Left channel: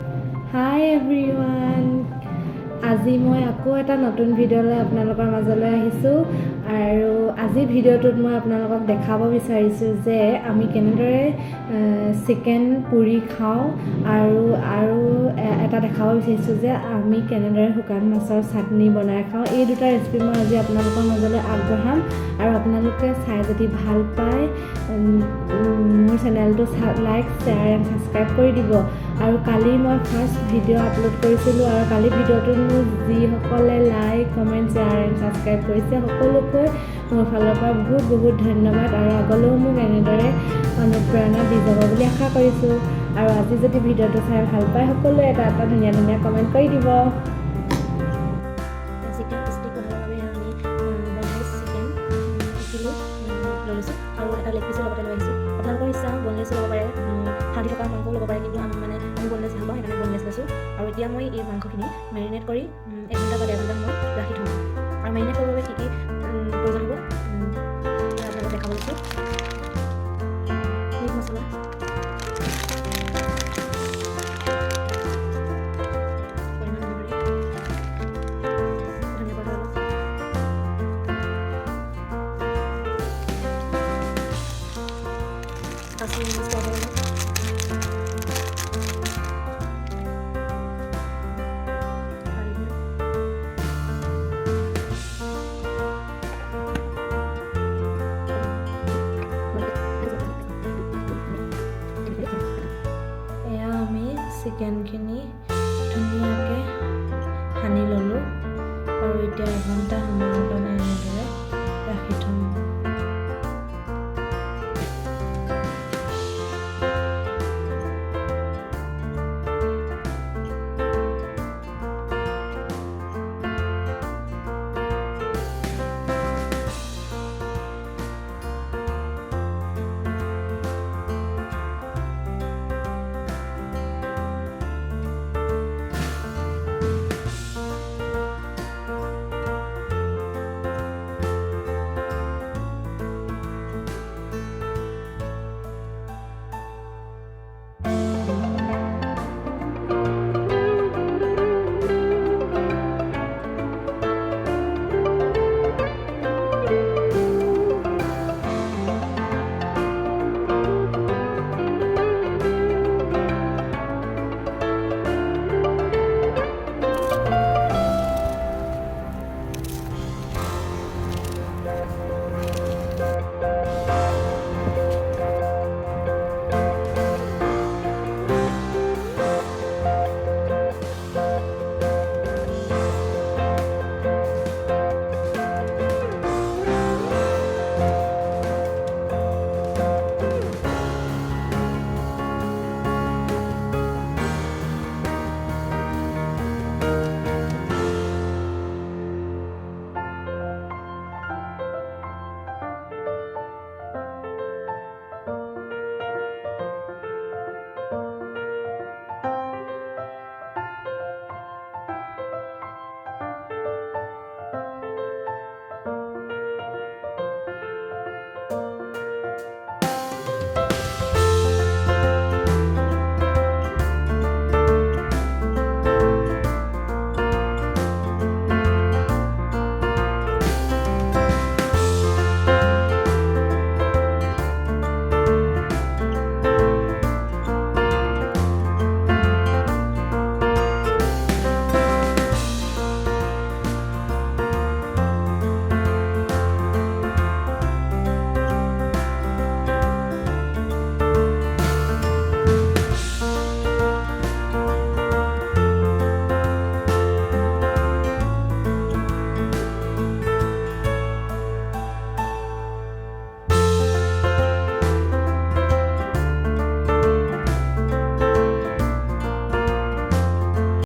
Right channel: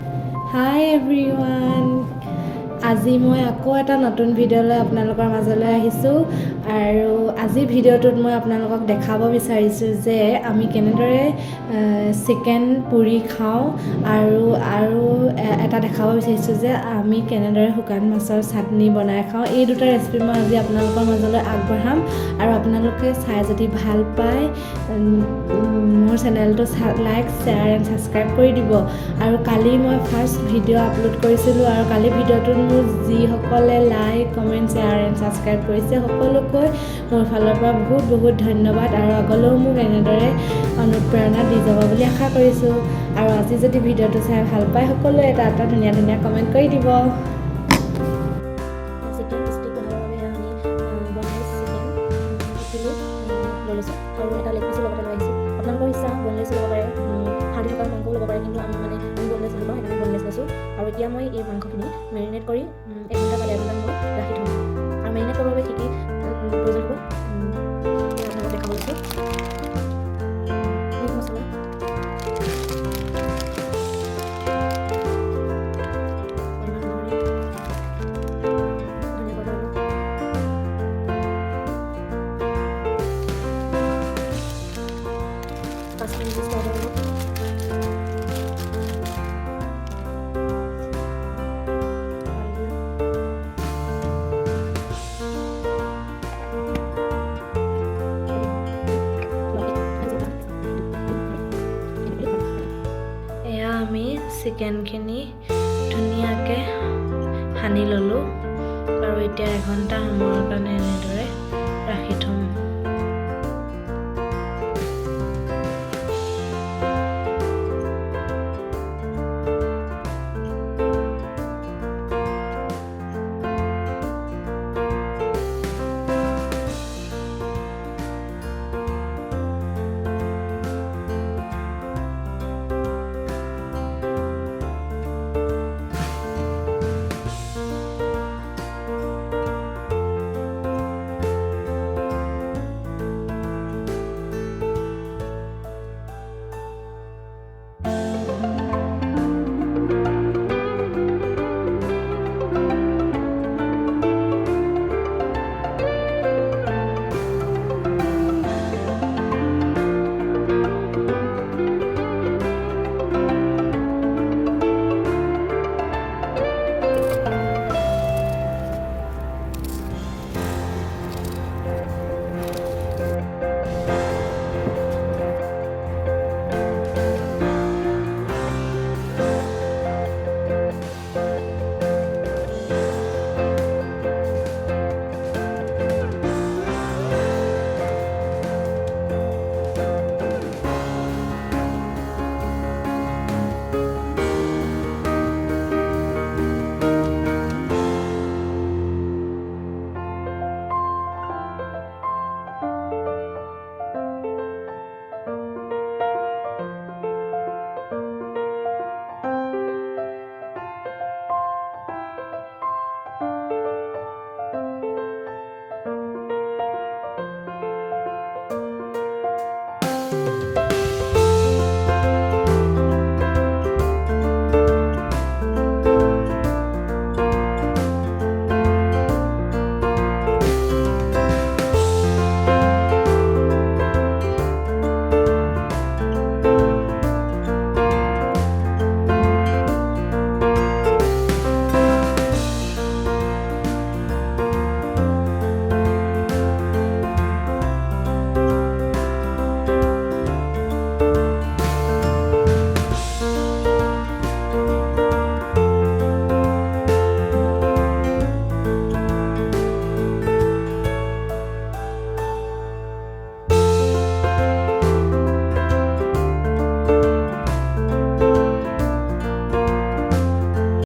Hi everyone. আজি মই আকৌ এটা নতুন ভিডিঅ'লৈ আপোনালোকৰ মাজলৈ আহিছোঁ আৰু আজি ভিডিঅ'টোত মই আপোনালোকক দেখাব বিচাৰিছোঁ যে আমি কেনেদৰে চিকেন পুৰি খাওঁ আৰু এটা দেখাব বিচাৰিছোঁ যে আমি কেনেদৰে শুকান মাছৰ চাটনি বনাই খাওঁ। এই দুটা ৰেচিপি মই আজি আপোনালোকৰ মাজলৈ আগবঢ়াম আৰু আপোনালোকে চাই যদি ভাল পায় মোৰ চেনেলটো লাইক শ্বেয়াৰ এণ্ড ছাবস্ক্ৰাইব কৰি দিব। আৰু কালি মই ফাৰ্ষ্ট ভিডিঅ' আপলোড কৰিছিলোঁ আৰু কালি ভিডিঅ'টোত মোৰ যিসকলে like comment share and subscribe কৰিছে সকলোকৈ মোৰ ফালৰ পৰা বহুত বহুত ধন্যবাদ আৰু আগলৈও মোক এনেদৰে অনুপ্ৰেৰণা দি যাব বুলি আশা কৰিছোঁ। আৰু আজি যদি ভিডিঅ'টো চাই ভাল পায় সকলোৱে এটা ধুনীয়া ধুনীয়া কমেণ্ট কৰি দিব। চিকেন ষ্টিক বনাবৰ বাবে আমি বনলেছ চিকেন 1 কিলো লৈ লৈছোঁ আৰু এটা লেগ পিচো লগতে লৈ আহিছোঁ। আপোনালোকৰ ইচ্ছা বনলেছো ল'ব পাৰে, হাঁহি থকা মাংসও ল'ব পাৰে, কিন্তু আমি বনলেছ ভাল পাওঁ সেইকাৰণে বনলেছ লৈছোঁ। আৰু এতিয়া মই এই মাংসখিনি মেৰিনেট কৰি 1 ঘণ্টা বা 1.5 ঘণ্টা সময় ৰাখি থ'ম। আৰু মেৰিনেট কৰিবৰ বাবে কি কি প্ৰয়োজন হ'ব সেয়া আপোনালোকক দেখাব লৈছোঁ। মিট মছলা, পৰিমাণ অনুসৰি ধনিয়া পাউডাৰ অলপ, কাশ্মীৰী মিৰ্চ পাউডাৰ অলপ, হালধি, এয়া আমি চিকেনখিনি ধুনীয়াকৈ সানি ল'লোঁ আৰু এতিয়া 1 ঘণ্টা সময়ৰ কাৰণে এনেদৰে ৰাখি থ'ম।